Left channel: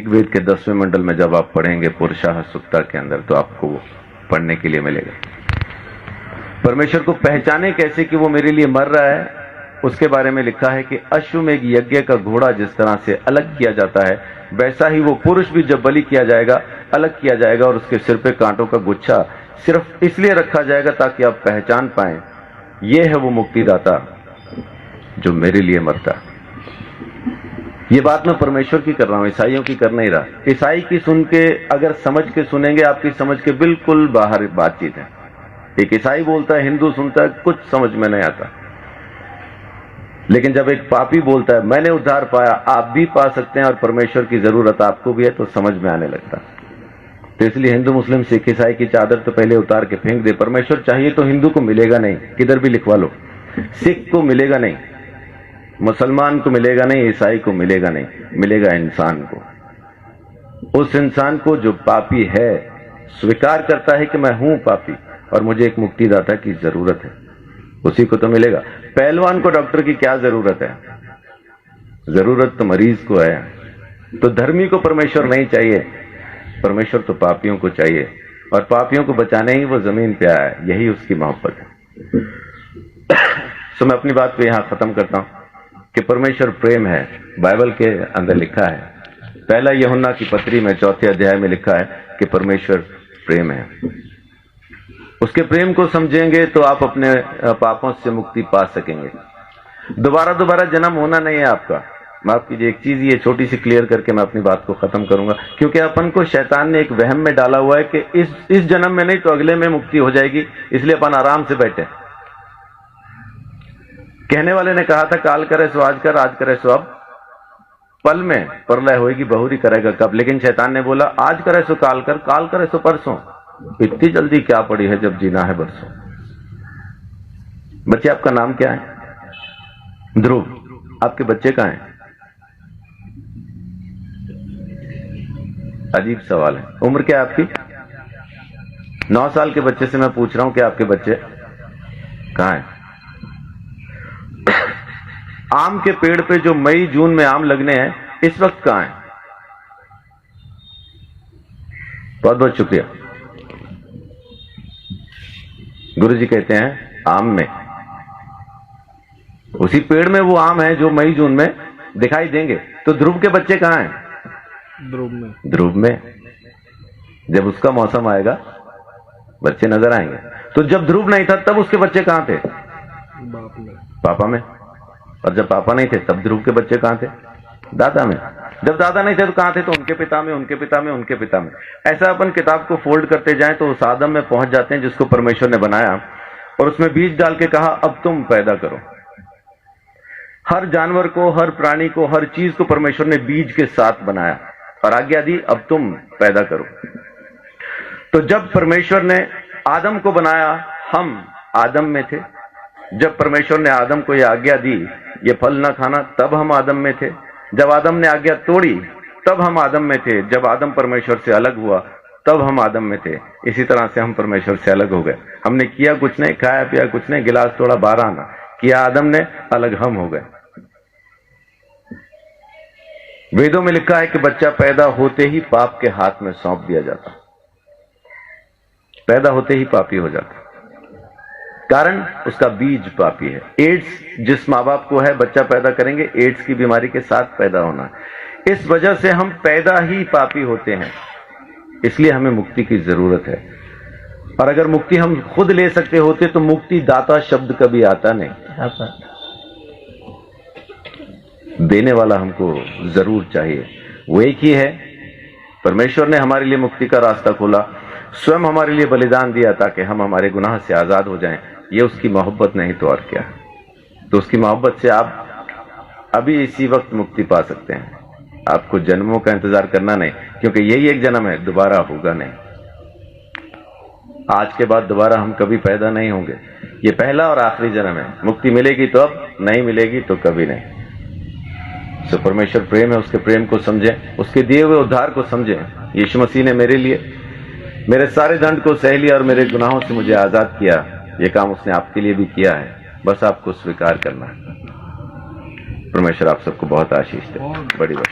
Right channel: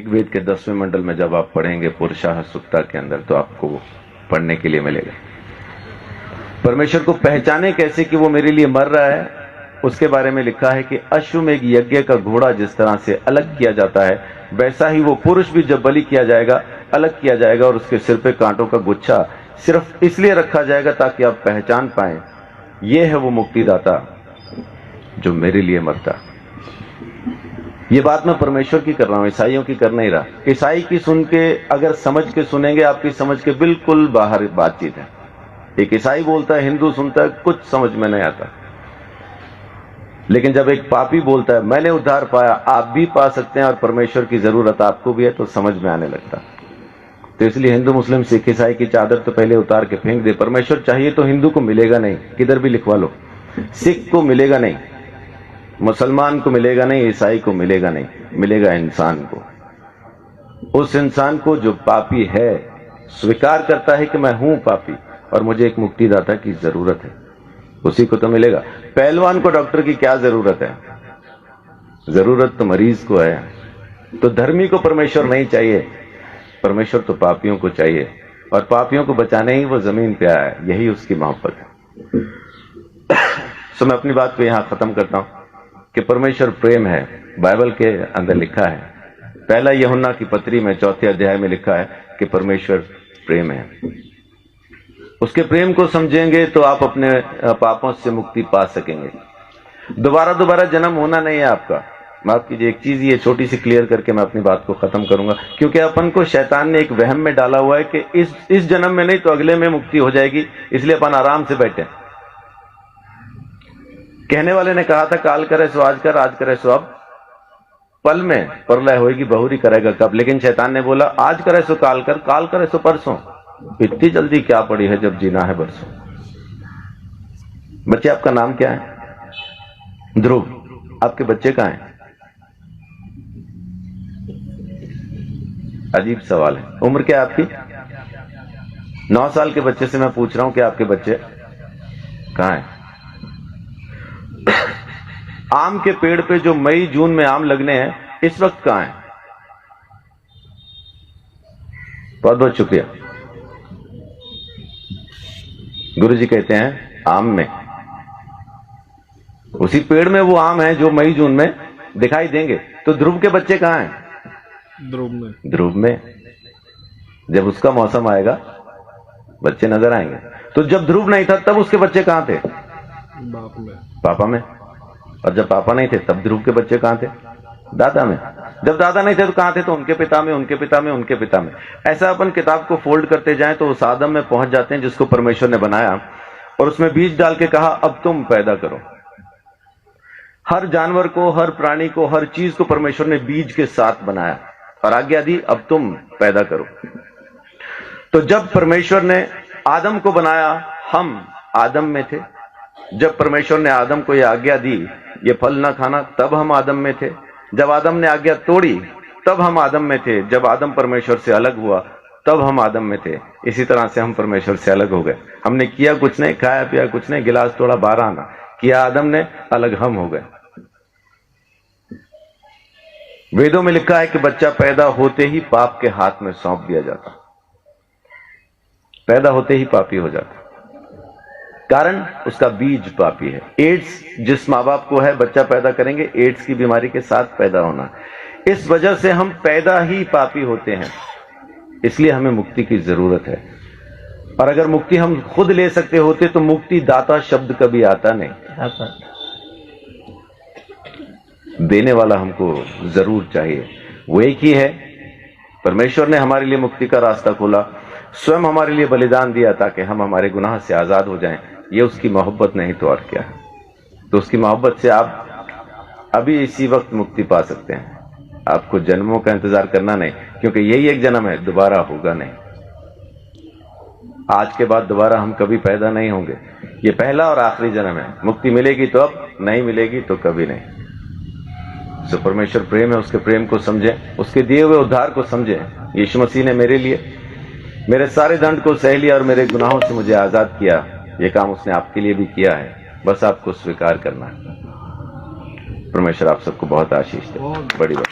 ऋग्वेद के 10वें मंडल में जब आप पढ़ेंगे पुरुषाः सुक्ता के अंदर, तो आपको पढ़ने के लिए मिलेगा। परमेश्वर को पहचाने कैसे कि वो मेरे लिए मर रहा है, उसके बारे में लिखा है कि अश्वमेघ यज्ञ का घोड़ा जिस तरह से अलग किया जाता है, वैसा ही वो पुरुष भी जब बलि किया जाएगा अलग किया जाएगा, और उसके सिर पे कांटों का गुच्छा सिर्फ इसलिए रखा जाएगा ताकि आप पहचान पाएं ये है वो मुक्तिदाता जो मेरे लिए मरता है। ये बात मैं परमेश्वर की कर रहा हूं, ईसाइयों की कर नहीं रहा। ईसाई की सुन के अगर समझ के सुनेंगे, आपकी समझ के बिल्कुल बाहर बातचीत है। एक ईसाई बोलता है, हिंदू सुनता है, कुछ समझ में नहीं आता। लेकिन जब एक पापी बोलता है मैंने उद्धार पाया, आप भी पा सकते हैं और परमेश्वर की जरूरत आपको भी है, तो समझ में आने लगता। तो इसलिए हिंदू मुस्लिम सिख ईसाई की चादर तो पहले उतार के फेंक दे। परमेश्वर चाहिए तो हिंदू को मिलेगा नहीं, किधर भी लिखवा लो। सिख को मिलेगा नहीं, मुसलमान को मिलेगा नहीं, ईसाई को मिलेगा नहीं, मिलेगा इंसान को। उस इंसान को जो पापी है, स्वीकार करता है कि मैं हूं पापी और मुझे एक मुक्तिदाता की जरूरत है, उसी को तो मिलेगा। पहलवान को डॉक्टर की क्या जरूरत है? जरूरत तो मरीज को है। तो धर्मी को परमेश्वर नहीं चाहिए, परमेश्वर तो पापियों को चाहिए, और पापियों को बचाने ही वो जमीन पे आया है, यही उसकी मोहब्बत है। तो मैं अपनी बात को यहां खत्म करता हूं कि परमेश्वर प्रेम है। बाइबल के अंदर लिखा है, पहला यूहन्ना की पत्री में 4 अध्याय में लिखा है कि परमेश्वर प्रेम है। उसके प्रेम को समझेंगे तो आप अपने पापों से मुक्ति पा सकेंगे। दोबारा जन्म होना नहीं है आपका। माफ कीजिए, एक चीज ये छोटी सी क्लियर करके मैं अपनी बात को खत्म करूंगा, क्योंकि अपन को शैतान ने एक वहम में डाला हुआ है कि इस जन्म में नहीं तो अगले में मुक्ति हो जाएगी, इसलिए अपन आराम से बैठे। कहने वाले ने कहा था काल करे सो आज कर, आज करे सो अब, पल में प्रलय होगी, बहुरी करेगा कब। लेकिन शैतान ने बोला आज करे सो काल कर, काल करे सो परसों। इतनी जल्दी क्या पड़ी है जब जीना है बरसों। बच्चे, आपका नाम क्या है? ध्रुव। आपके बच्चे कहां हैं? अजीब सवाल है। उम्र क्या है आपकी? 9 साल के बच्चे से मैं पूछ रहा हूं कि आपके बच्चे कहां हैं? आम के पेड़ पे जो मई जून में आम लगने हैं, इस वक्त कहां है? बहुत बहुत शुक्रिया। गुरुजी कहते हैं आम में, उसी पेड़ में वो आम है जो मई जून में दिखाई देंगे। तो ध्रुव के बच्चे कहां हैं? ध्रुव में। जब उसका मौसम आएगा बच्चे नजर आएंगे। तो जब ध्रुव नहीं था तब उसके बच्चे कहां थे? पापा में। और जब पापा नहीं थे तब ध्रुव के बच्चे कहां थे? दादा में। जब दादा नहीं थे तो कहां थे? तो उनके पिता में, उनके पिता में, उनके पिता में। ऐसा अपन किताब को फोल्ड करते जाएं तो उस आदम में पहुंच जाते हैं जिसको परमेश्वर ने बनाया, और उसमें बीज डाल के कहा अब तुम पैदा करो। हर जानवर को, हर प्राणी को, हर चीज को परमेश्वर ने बीज के साथ बनाया और आज्ञा दी अब तुम पैदा करो। तो जब परमेश्वर ने आदम को बनाया, हम आदम में थे। जब परमेश्वर ने आदम को यह आज्ञा दी ये फल ना खाना, तब हम आदम में थे। जब आदम ने आज्ञा तोड़ी तब हम आदम में थे। जब आदम परमेश्वर से अलग हुआ तब हम आदम में थे। इसी तरह से हम परमेश्वर से अलग हो गए। हमने किया कुछ नहीं, खाया पिया कुछ नहीं, गिलास तोड़ा 12 आना किया आदम ने, अलग हम हो गए। वेदों में लिखा है कि बच्चा पैदा होते ही पाप के हाथ में सौंप दिया जाता, पैदा होते ही पापी हो जाता, कारण उसका बीज पापी है। एड्स जिस माँ बाप को है, बच्चा पैदा करेंगे एड्स की बीमारी के साथ पैदा होना। इस वजह से हम पैदा ही पापी होते हैं, इसलिए हमें मुक्ति की जरूरत है। और अगर मुक्ति हम खुद ले सकते होते तो मुक्ति दाता शब्द कभी आता नहीं। देने वाला हमको जरूर चाहिए, वो एक ही है। परमेश्वर ने हमारे लिए मुक्ति का रास्ता खोला, स्वयं हमारे लिए बलिदान दिया ताकि हम हमारे गुनाह से आजाद हो जाएं। ये उसकी मोहब्बत नहीं तो और क्या है। तो उसकी मोहब्बत से आप अभी इसी वक्त मुक्ति पा सकते हैं। आपको जन्मों का इंतजार करना नहीं, क्योंकि यही एक जन्म है, दोबारा होगा नहीं। आज के बाद दोबारा हम कभी पैदा नहीं होंगे। ये पहला और आखिरी जन्म है। मुक्ति मिलेगी तो अब, नहीं मिलेगी तो कभी नहीं। तो परमेश्वर प्रेम है, उसके प्रेम को समझें, उसके दिए हुए उद्धार को समझें। यीशु मसीह ने मेरे लिए मेरे सारे दंड को सह लिया और मेरे गुनाहों से मुझे आजाद किया। ये काम उसने आपके लिए भी किया है, बस आपको स्वीकार करना है। परमेश्वर आप सबको बहुत आशीष दे। बड़ी बात।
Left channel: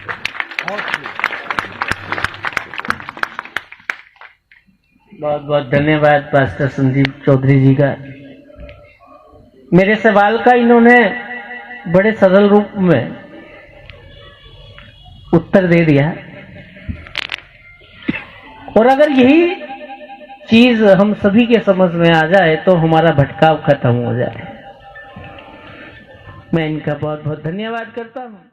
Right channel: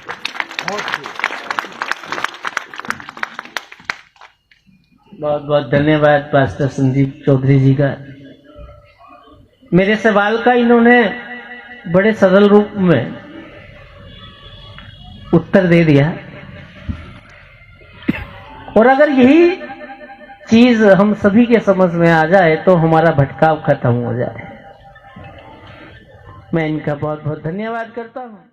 बहुत बहुत धन्यवाद पास्टर संदीप चौधरी जी का। मेरे सवाल का इन्होंने बड़े सरल रूप में उत्तर दे दिया, और अगर यही चीज हम सभी के समझ में आ जाए तो हमारा भटकाव खत्म हो जाए। मैं इनका बहुत बहुत धन्यवाद करता हूं।